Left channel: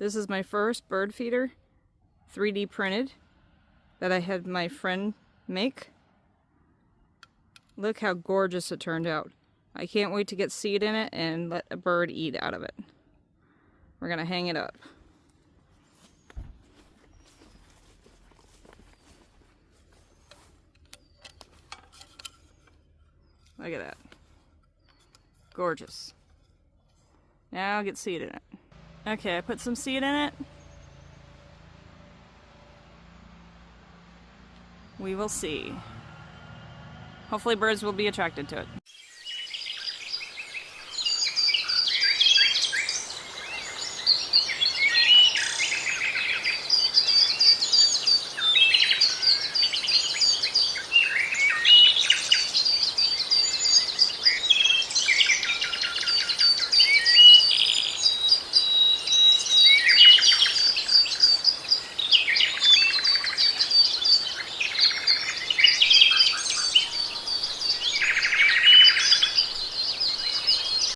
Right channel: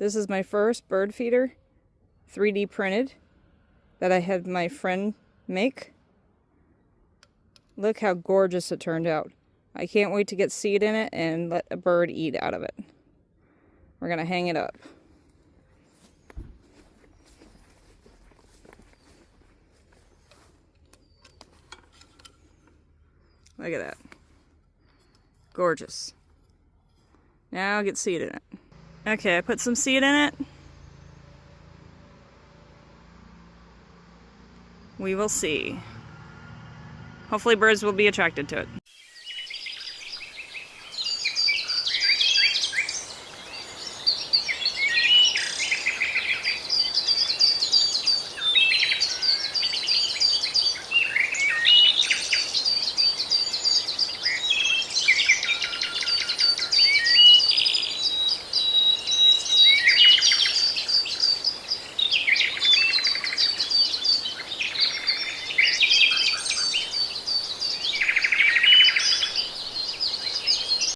This is my first bird feeder, 3D printed, that I had my friend make. Look how gorgeous it turned out. I can't wait to get seed in it and let a bird eat out of it. We're gonna hang it up. Look at that. Gorgeous. Now I'll get seed in it. Okay, I put some seed in it. We will see. Hopefully birds will be attracted to it.